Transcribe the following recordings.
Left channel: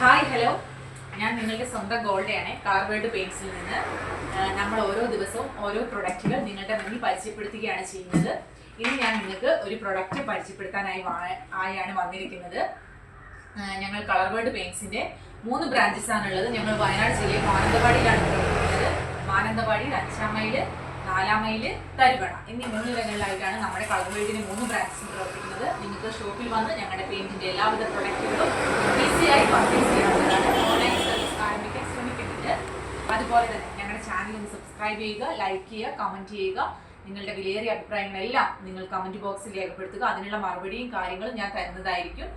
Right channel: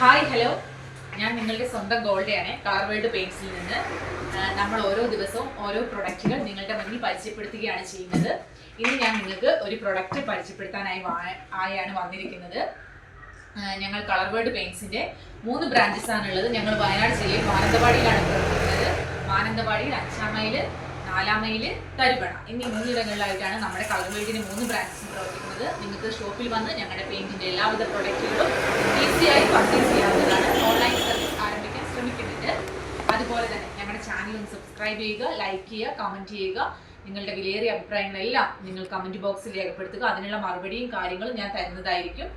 Hi hello ഞാൻ നിങ്ങളുടെ സ്വന്തം ഗോൾഡയാണ് കാർവേഡ് പെയിൻസിൽ നിന്ന്. നമ്മൾ ഓരോ ദിവസവും ഓരോ പ്രൊഡക്റ്റുകൾ നിങ്ങളുടെ മുന്നിൽ പരിചയപ്പെടുത്തുകയാണ് ചെയ്യുന്നത്. ഇന്ന് ഞാൻ നിങ്ങൾക്ക് ഒരു പ്രൊഡക്റ്റ് പരിചയപ്പെടുത്താനായി ആയാണ് വന്നിരിക്കുന്നത്. ഞങ്ങൾ കളർവേഡ് പെയിൻസിന്റെ മൂന്ന് ബ്രാഞ്ചസ് ആണുള്ളത്. ഞങ്ങൾ വയനാട് ജില്ലയിൽ മാനന്തവാടിയിലാണ് പ്രവർത്തിക്കുന്നത്. മാനന്തവാടിയിൽ അഞ്ചാം മൈൽ തരുവണ എന്നീ മൂന്നിടങ്ങളിലായിട്ടാണ് നമ്മുടെ കളർ വേൾഡിന്റെ മൂന്ന് ബ്രാൻഡ്സ് പ്രവർത്തിക്കുന്നത്. നിങ്ങൾക്ക് ഷോപ്പിൽ വന്ന് ഞങ്ങളുടെ പെയിന്റിന്റെ എല്ലാവിധ പ്രൊഡക്റ്റുകളും ഈസിയായി പർച്ചേസ് ചെയ്യാവുന്നതാണ്. ഓൺലൈൻ സർവീസ് ആരംഭിക്കാൻ ശ്രമിക്കുന്നുണ്ട്. അതുപോലെ തന്നെ ഞങ്ങളുടെ ചാനൽ ഒന്ന് സബ്സ്ക്രൈബ് ചെയ്യുക ലൈക്ക് ചെയ്യുക കമന്റ് ചെയ്യുക. നിങ്ങളുടെ വിലയേറിയ അഭിപ്രായങ്ങളെല്ലാം നിങ്ങൾ കമന്റ് ബോക്സിൽ രേഖപ്പെടുത്തുക. അതിനുള്ള മറുപടിയും കാര്യങ്ങളും ഞാൻ തരുന്നതായിരിക്കും.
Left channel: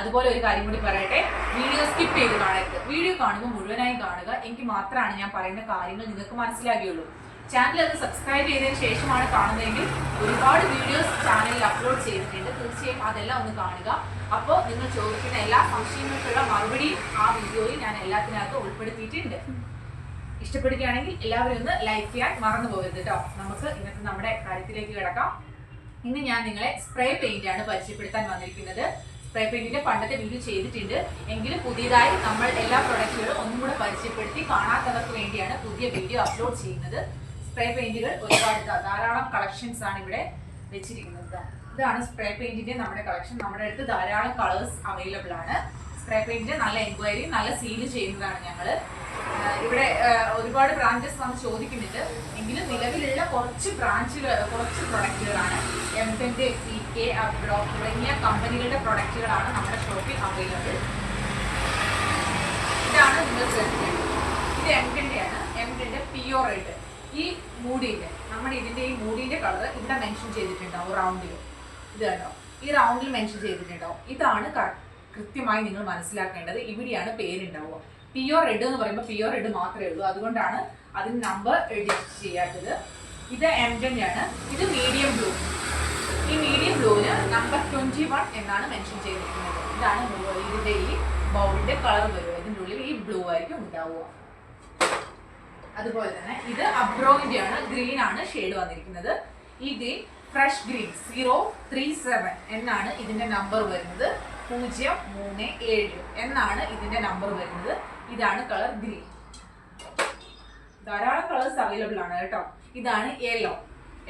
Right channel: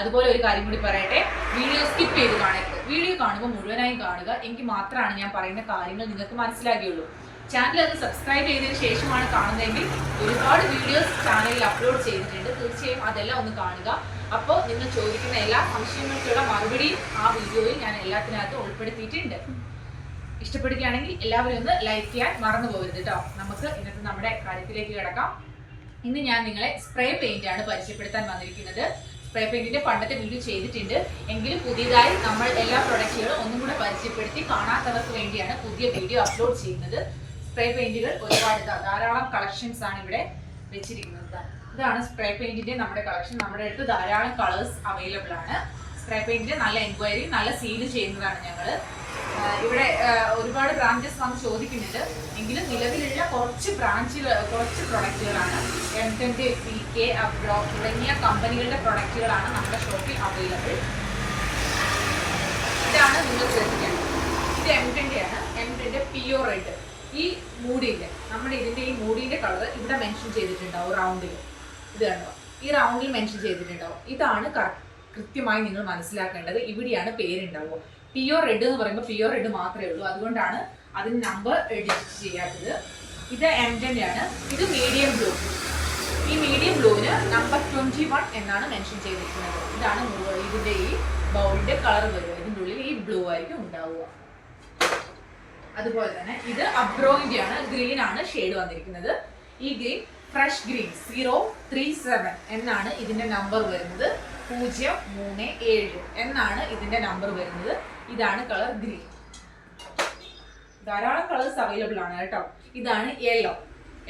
അതുപോലെ ഒരു കാര്യം കൂടി പറയട്ടെ. വീഡിയോ സ്കിപ്പ് ചെയ്ത് കാണരുത്. വീഡിയോ കാണുമ്പോൾ മുഴുവനായി കാണുക. എങ്കിൽ മാത്രമാണ് ഞാൻ പറയുന്ന കാര്യങ്ങൾ നിങ്ങൾക്ക് മനസ്സിലാകുകയുള്ളൂ. ചാനൽ അത് സബ്സ്ക്രൈബ് ചെയ്തതിന് ശേഷമാണ് കാണുന്നതെങ്കിൽ ഒരുപാട് വീഡിയോസ് ചാനലിൽ അപ്ലോഡ് ചെയ്തിട്ടുണ്ട്. തീർച്ചയായും അതെല്ലാം ഒന്ന് കാണുക. അപ്പോൾ നിങ്ങൾ ചോദിക്കുന്ന എല്ലാ സംശയങ്ങൾക്കുള്ള മറുപടിയും ആ വീഡിയോയിൽ ഞാൻ എല്ലാത്തിനകത്തും ഉൾപ്പെടുത്തിയിട്ടുണ്ട്. ഇഷ്ടപ്പെടുകയാണെങ്കിൽ എല്ലാവരും ഒന്ന് ലൈക്ക് ചെയ്യാൻ മറന്നു പോകരുത് കേട്ടോ നമുക്ക് ഇന്നത്തെ നമ്മുടെ കാര്യത്തിലേക്ക് കിടക്കാം. ഇന്ന് ഞാൻ നിങ്ങളെ സ്പ്രേ പെയിന്റ് ആണ് പരിചയപ്പെടുത്താൻ വന്നിരിക്കുന്നത്. സ്പ്രേ പെയിന്റിന്റെ പണ്ടത്തെ വീഡിയോ ചെയ്തിട്ടുണ്ട്. എങ്കിലും പുതിയതായി നമ്മൾ എല്ലാ പ്രൊഡക്റ്റുകളും ഒന്നും കൂടെ പരിചയപ്പെടുത്തി കാണാത്തവർക്ക് വേണ്ടിയാണ് പുതിയ വീഡിയോ അപ്ലോഡ് ചെയ്യുന്നത്. സ്പ്രേ പെയിന്റുകൾ ഒരുപാട് ധാരാളം കളക്ഷൻസ് ആണ് ഇവിടെ വെച്ചിരിക്കുന്നത്. ഇതാണ് സ്പ്രേ പെയിന്റിന്റെ നമ്മുടെ കളക്ഷൻ നമ്മുടെ അടുത്ത് ധാരാളം കളേഴ്സ് അവൈലബിൾ ആണ്. സ്പ്രേ പെയിന്റിന്റെ നല്ല എൻക്വയറി നല്ല സീൽ ചെയ്യുന്നതാണ് ഞങ്ങൾ ഇവിടെ ഒരുപാട് ബ്രാഞ്ചസ് വന്ന് ചോദിക്കുന്നുണ്ട്. എങ്കിലും നിലവിലുള്ള കുറച്ച് ബ്രാഞ്ചുകൾ കുറച്ച് പ്രൊഡക്റ്റുകളാണ് എം ടെന്റെ പി കെ അബ്രോ തുടങ്ങിയ കമ്പനികളുടെ പ്രൊഡക്റ്റുകളാണ് നമ്മുടെ ഷോപ്പിൽ അവൈലബിൾ ഇതാണ് നിങ്ങൾ ശ്രദ്ധിക്കേണ്ടത് ഇത് എം ടെന്റെ ആണ്. എം ടെന്റെ പിയോ റെഡ് ഈ മൂടിന്റെ നമ്മുടെ ഇതിന്റെ ഈ മൂടിന്റെ കളർ ഇവിടെ മെൻഷൻ ചെയ്തിട്ടുണ്ടാവും റൗണ്ടിൽ ഇത് കണ്ടോ? ഈ റൗണ്ടിൽ മെൻഷൻ ചെയ്തിട്ടുണ്ടാവും. ഇതാണ് കൃത്യമായി നിങ്ങൾ മനസ്സിലാക്കേണ്ടത്. ഇവിടെയാണ് പേരുണ്ടാവുക. പിയോ റെഡ് എന്ന് പറയുമ്പോൾ പിയോ റെഡ് മാത്രമേ ഉള്ളൂ. അതുകൊണ്ടാണ് അതിന് നമ്പർ എഡിറ്റ് ചെയ്യാത്തത്. ഇത് എം ആണ് ഇത് മീഡിയം ബ്ലൂ ഈ മീഡിയം ബ്ലൂവിന് നമ്പർ ട്വന്റി വൺ എന്നാണ് മെൻഷൻ ചെയ്തിരിക്കുന്നത്. ഇതാണ് ഇതിന്റെ ഈ ബൗളിന്റെ കളർ വരിക. ഇതിന്റെ ഉള്ളിൽ ഈ ബ്ലൂ ആയിരിക്കും ഉണ്ടാവുക. അതുപോലെ തന്നെ ഇത് അബ്രോയിന്റെ ആണ് ഗ്രീൻ ആണ് ഷെയ്ഡ് വന്നിരിക്കുന്നത്. ഈ green fresh green zero three seven എന്നാണ് ഇതിന്റെ നമ്പർ വരുന്നത്. പൂജ്യം മൂന്ന് ഏഴ് എന്നാണ് ഇതിന്റെ നമ്പർ വരുന്നത്. ഇതാണ് കളർ ഗ്രീൻ ധാരാളം കളേഴ്സ് അവൈലബിൾ ആണ് കേട്ടോ. ഇതാണ് യെല്ലോ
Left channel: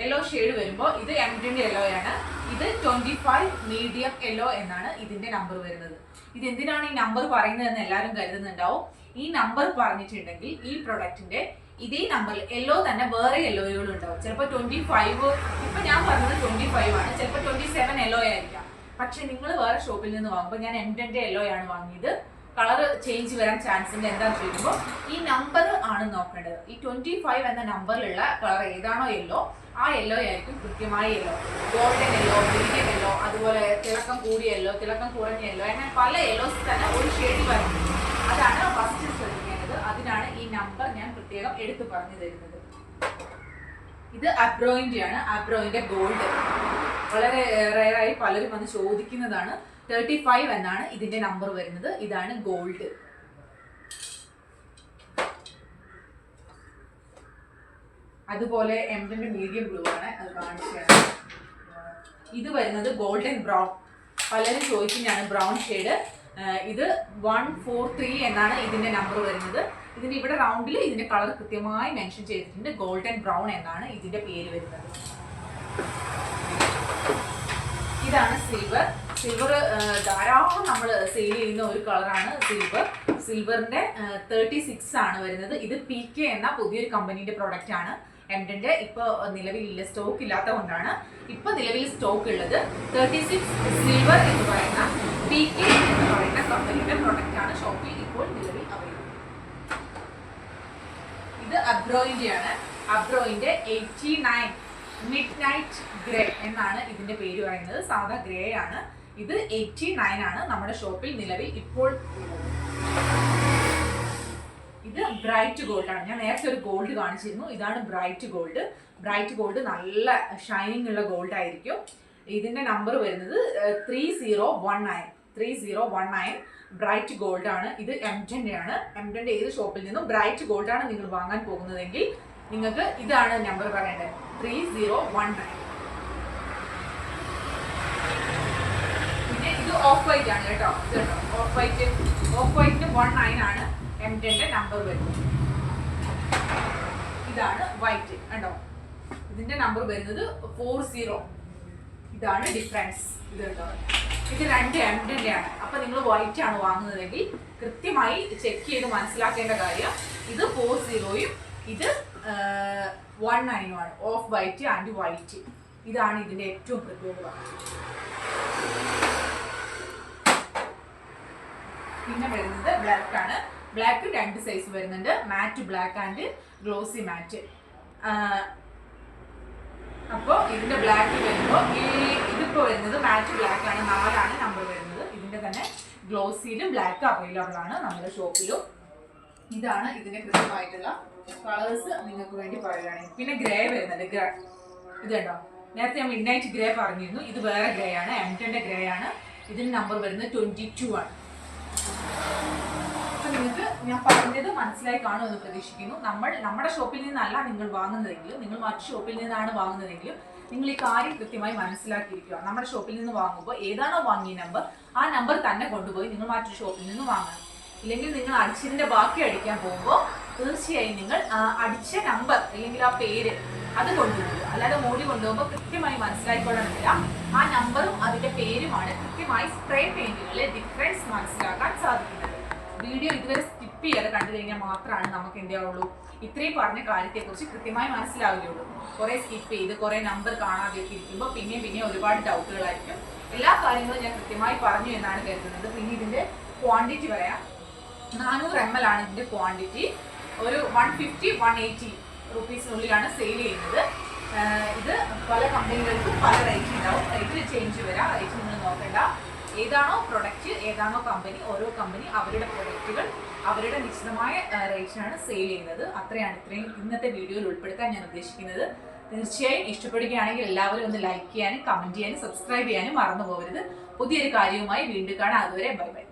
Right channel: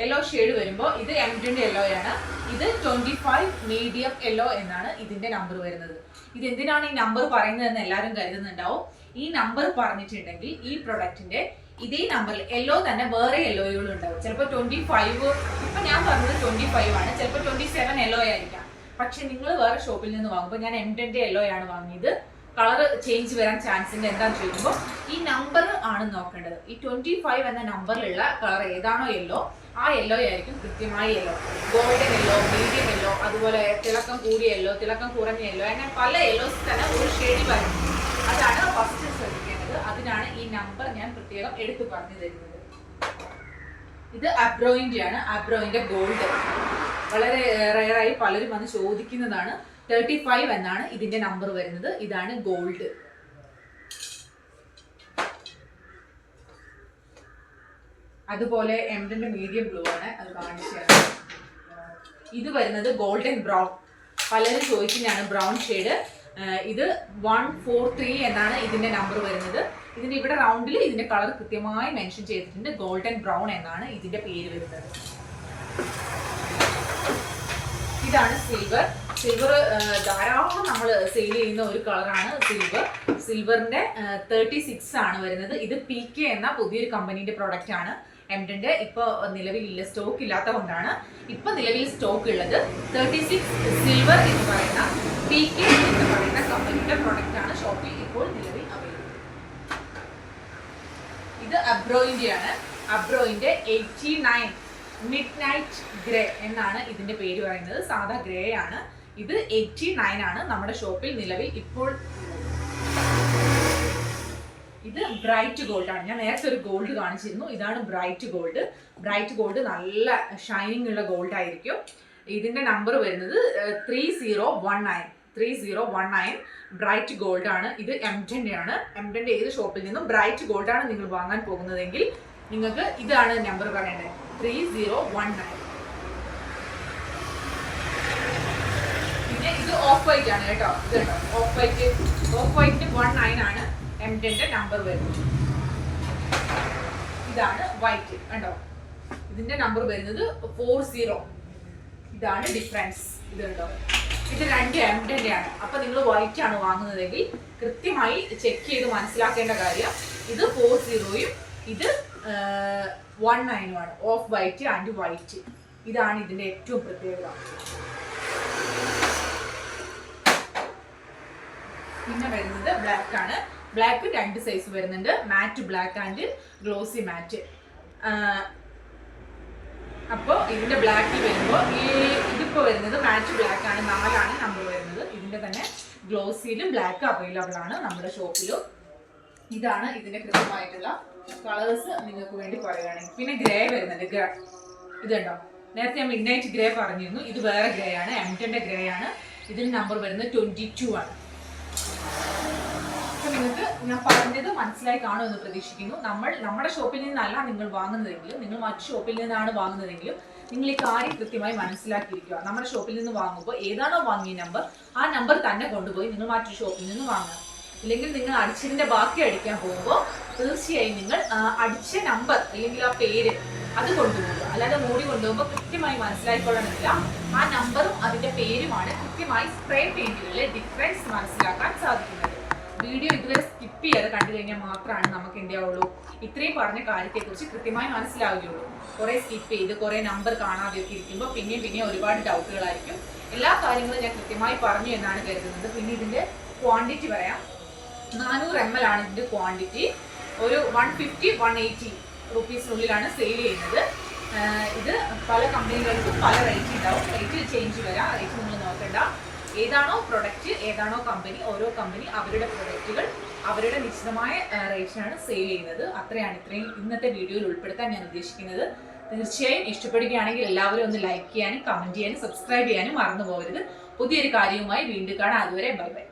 യെല്ലോ ഷെയ്ഡ് വരുമ്പോൾ ഇത് എം യെല്ലോ ആണ്. ഇത് ട്വന്റി ഫൈവ് മീഡിയം യെല്ലോ എന്നാണ് ഇതിന്റെ നമ്പർ വരുന്നത്. ഇത് എന്തിനാണ് ഈ നമ്പർ പറയുന്നതെന്ന് എല്ലാവരും കരുതുന്നുണ്ടാവും. ഈ നമ്പർ പറഞ്ഞിട്ടുണ്ടെങ്കിൽ ഈ പ്രൊഡക്റ്റിന്റെ ഇതേ നമ്പറിൽ യെല്ലോ തന്നെ വേറെ യെല്ലോയുകളും ഉണ്ടാവും. ചിലപ്പോൾ ട്വന്റി ഫൈവ് ഇപ്പൊ ഞാൻ പറഞ്ഞത് ട്വന്റി ഫൈവ് ആണ്. ചിലപ്പോൾ ട്വന്റി സെവൻ യെല്ലോ ആയിരിക്കാം. പക്ഷെ നിങ്ങൾ വേറെ ഷോപ്പിൽ നിന്ന് വാങ്ങുമ്പോൾ ഞാൻ എം ടെന്റെ യെല്ലോ ആണ് വാങ്ങിയത്. കളർ ചേഞ്ച് വരാൻ ചാൻസ് ഉണ്ട് എന്താണെന്ന് ചോദിക്കുമ്പോൾ ഈ നമ്പർ ആണ് നോക്കേണ്ടത്. ഈ ട്വന്റി ഫൈവ് എന്ന നമ്പറിലുള്ള കളർ ഏതാണോ യെല്ലോ ആ യെല്ലോ ആയിരിക്കും കൃത്യമായി yellow golden yellow medium yellow അതുപോലെ തിളക്കം കൂടിയ യെല്ലോ തിളക്കം കുറഞ്ഞ യെല്ലോ അങ്ങനെ പല യെല്ലോസ് തന്നെ ഒരു ഷെയ്ഡിൽ വരും. അതാണ് ഫസ്റ്റ് ശ്രദ്ധിക്കേണ്ടത്. അതിനാണ് ഈ നമ്പർ ഞാൻ പ്രത്യേകം എടുത്തു പറഞ്ഞു തരുന്നത്. ഇത് അബ്രോയിന്റെ ആണ്. അബ്രോയിന്റെ ഗോൾഡ് വളരെ റയറായി പലരും വന്ന് ചോദിക്കുന്നതാണ്. തേർട്ടി ഫൈവ് എന്നാണ് ഇതിന്റെ നമ്പർ വരുന്നത്. ഇതാണ് ഗോൾഡ് അതുപോലെ എംഡിന്റെ മീഡിയം ബ്ലൂ ആണ്. അത് കാണിച്ചു ഇത് വരുന്നത് ഗോൾഡൻ ബ്രൗൺ പലരും ചോദിക്കുന്നതാണ് ബ്രൗൺ ഷെയ്ഡ് ഇത് വൺ ഫോർ ത്രീ എന്നാണ് ഇതിന്റെ നമ്പർ വരുന്നത്. ഇതിന്റെ ഇവിടെ റൗണ്ടിൽ ഇതിന്റെ കളർ കൃത്യമായി മെൻഷൻ ചെയ്തിട്ടുണ്ട് ഗോൾഡൻ ബ്രൗൺ എന്നാണ് ഇതിന്റെ പേര് വരുന്നത്. ഇതാണ് സിൽവർ സിൽവർ ധാരാളം നമ്മൾ സെയിൽ ചെയ്യുന്ന ഒരു കളറാണ് സിൽവർ സിൽവറിന്റെ തേർട്ടി സിക്സ് ആണ് വരുന്നത്. ഇത് പി കെ എന്ന പുതിയൊരു കമ്പനീന്റെ പ്രോഡക്റ്റ് ആണ്. എംഡിന്റെ ഇപ്പോൾ നിലവിലില്ല സ്റ്റോക്ക് ഇല്ലാത്ത കൊണ്ടാണ് ഇപ്പൊ നിലവിൽ സ്റ്റോക്ക് ഉള്ളത് തേർട്ടി സിക്സ് സിൽവർ എന്ന് പറയുന്ന പി കെ എന്ന് പറയുന്ന കമ്പനിയുടെ പ്രോഡക്റ്റ് ആണ് ഷോപ്പിൽ ഇപ്പോൾ നിലവിൽ അവൈലബിൾ ഇത് അബ്രോയിന്റെ ആണ് അബ്രോയിന്റെ eighty nine midnight grey എന്നാണ് ഇതിന്റെ പേര് പറയുന്നത്. സാധാ ഗ്രേ ആണ്. ഇത് എയ്റ്റി നയൻ ആണ് നമ്മുടെ ഷോപ്പിൽ നിലവിൽ ഇപ്പോൾ ബ്രൈറ്റ് ഗോൾഡ് ആണ് ഞാൻ നേരത്തെ ഒരു ഗോൾഡ് കാണിച്ചിരുന്നു. ഇതാണ് ബ്രൈറ്റ് ഗോൾഡ്. ബ്രൈറ്റ് ഗോൾഡ് നല്ല ഷൈനിങ് ഉള്ള ഗോൾഡ് ആയിരിക്കും. ഇതിന്റെ നമ്പർ വരുന്നത് three zero one nine three zero one nine bright gold ആണ് ഇത് എംറ്റന്റെ ആണ് എംറ്റന്റെ ഏത് ഷോപ്പിൽ നിന്നും ബ്രൈറ്റ് ഗോൾഡ് ആണ് നിങ്ങൾ വാങ്ങാൻ പോകുന്നതെങ്കിൽ നിങ്ങൾക്ക് ഇതാണ് നമ്പർ പറയേണ്ടത്. ത്രീ സീറോ വൺ നയൻ പിന്നെ ഇത് ഓഫ് വൈറ്റ് ആണ് കേട്ടോ. ഇത് കേട്ടോ. Off white off white one nine ആണ്. എം നമ്പർ വരുന്നത്. ഇതാണ് വൈറ്റ് കണ്ടോ? ഇതിന്റെ നമ്പർ വരുന്നത് ഫോർ സീറോ ഇതാണ് ഡിഫറൻസ് ഇത് കണ്ടോ? ഇത് രണ്ട് എംഡിന്റെ ആണ്. അപ്പൊ നിങ്ങൾ വൈറ്റ് ആണ് വാങ്ങുന്നതെങ്കിൽ കൃത്യമായി ചെക്ക് ചെയ്ത് മനസ്സിലാക്കേണ്ട കാര്യം ഇത് ഫോർ സീറോയും ഇത് വൺ ആണ്. ഓഫ് വൈറ്റ് ആൻഡ് വൈറ്റ് ഇതാണ് ഇതിന്റെ ഏറ്റവും പ്രത്യേകത. പിന്നെ വരുന്നത് ബ്ലാക്ക് ആണ്. ബ്ലാക്ക് രണ്ട് സൈസ് വരുന്നുണ്ട്. Matt black and glossy matt അപ്പോൾ ഇതിന്റെ ബ്ലാക്ക് വരുമ്പോൾ ഈ ഇതിപ്പോൾ വരുന്നത് മാറ്റ് ബ്ലാക്ക് ആണ്. നാലാണ് നമ്പർ വരുന്നത്. ഇതിന്റെ തന്നെ ഗ്ലോസിയിലും ബ്ലാക്ക് അവൈലബിൾ ആണ് നമ്മുടെ ഷോപ്പിലും. ഇതാണ് ഇതിന്റെ കൃത്യമായിട്ടുള്ള കളേഴ്സ് നിങ്ങൾക്ക് വേണ്ടി പറയുകയാണെങ്കിൽ. പിന്നെ ഗ്രേ വരുന്നുണ്ട്. ഗ്രേ ഇത് കണ്ടോ? നേരത്തെ ഞാൻ മിഡ് നൈറ്റ് ഗ്രേ പറഞ്ഞിരുന്നു. ഇത് വേറെ ഗ്രേ ആണ്. എം ടെന്റെ ഗ്രേ ആണ്. ഇതിന് നമ്പർ വരുന്നത് ട്വന്റി ടു ആണ്. ഞാൻ പറഞ്ഞത് മനസ്സിലായി കാണുമെന്ന് പ്രതീക്ഷിക്കുന്നു. നമ്മൾ നമ്മുടെ ഷോപ്പിൽ നിന്നല്ല നിങ്ങൾ വാങ്ങുന്നതെങ്കിലും നിങ്ങൾ മറ്റു ഷോപ്പിൽ നിന്നാണ് വാങ്ങുന്നതെങ്കിലും നിങ്ങൾ ഈ കാര്യം കൃത്യമായി മനസ്സിലാക്കിയിരിക്കുക. നമ്മുടെ ഷോപ്പിൽ നിന്ന് വാങ്ങുമ്പോൾ ഏതാണോ വാങ്ങിയ നമ്പർ ആ നമ്പർ തന്നെ കൊണ്ടുപോയി നിങ്ങൾ മറ്റു ഷോപ്പിൽ നിന്ന് വാങ്ങണം ഇല്ലെങ്കിൽ നിങ്ങൾ അടിച്ചതിന്റെ ബാക്കി അടിക്കാൻ പോകുമ്പോൾ തീർച്ചയായും നിങ്ങൾ അടിച്ച നമ്പർ അല്ലെങ്കിൽ ആ പേര് അത് കൊണ്ടുപോകുക അല്ലാതെ മോടി കൊണ്ടുപോകുമ്പോൾ കൃത്യമായി മനസ്സിലാക്കിക്കൊള്ളണമെന്നില്ല ആ നമ്പറും അതിന്റെ പേരുമാണ് കൃത്യമായി സ്പ്രേ പെയിന്റുകളിലെ ഡിഫറൻസ് മനസ്സിലാക്കാൻ സാധിക്കുന്നത്. വീഡിയോ ഇതുവരെ സ്കിപ്പ് ചെയ്യാതെ കണ്ടു കഴിഞ്ഞാൽ മാത്രമാണ് നമുക്ക് എന്ത് ആവുള്ളൂ ഇത്രയും പറഞ്ഞ കാര്യത്തെക്കുറിച്ച് കൃത്യമായി മനസ്സിലാവുകയുള്ളൂ. കുറേ സ്കിപ്പ് ചെയ്ത് കുറേ നമ്പർ കാണാതെയൊക്കെ ഇരിക്കുമ്പോൾ പിന്നെയും പിന്നെയും ഒരുപാട് ഡൗട്ടുകളായിരിക്കും എല്ലാ കാര്യങ്ങളും ഞാൻ കൃത്യമായി പറഞ്ഞു എന്നാണ് കരുതുന്നത്. പിന്നെ ഇതിന്റെ ക്വാണ്ടിറ്റി പറയാം. നാനൂറ് എം എൽ ആണ് ഇതിന്റെ ക്വാണ്ടിറ്റി ഒരു വൺ ഫിഫ്റ്റി വൺ എയ്റ്റി റുപ്പീസിനുള്ളിലാണ് സെയിൽ ചെയ്യുന്നത്. ഇത് പല കമ്പനികൾക്കും പല റേറ്റ് ഉണ്ടാവും റേറ്റ് ചേഞ്ച് വരാം. റേറ്റ് നിങ്ങൾ നോക്കണ്ട. ഏതാണോ പ്രൊഡക്റ്റ് ഏതാണോ കമ്പനി ഓരോ കമ്പനി അവരുടെ പ്രൊഡക്റ്റുകൾ അവരുടെ നിശ്ചിതമായ റേറ്റിനാണ് സെയിൽ ചെയ്യുന്നത്. അത്രയാണ് ഇത്രയും ഇന്നത്തെ വീഡിയോയിൽ ഉൾപ്പെടുത്താൻ ഞാൻ ഉദ്ദേശിക്കുന്നത്. തീർച്ചയായും ഇഷ്ടപ്പെടുകയാണെങ്കിൽ എല്ലാവരും ഒന്ന് ലൈക്ക് ചെയ്യാനും കമന്റ് ചെയ്യാനും സബ്സ്ക്രൈബ് ചെയ്യാനും മറന്നു പോകരുത്. പുതിയൊരു കാര്യവുമായി വീണ്ടും കാണാം. അതുവരെ ബൈ ബൈ.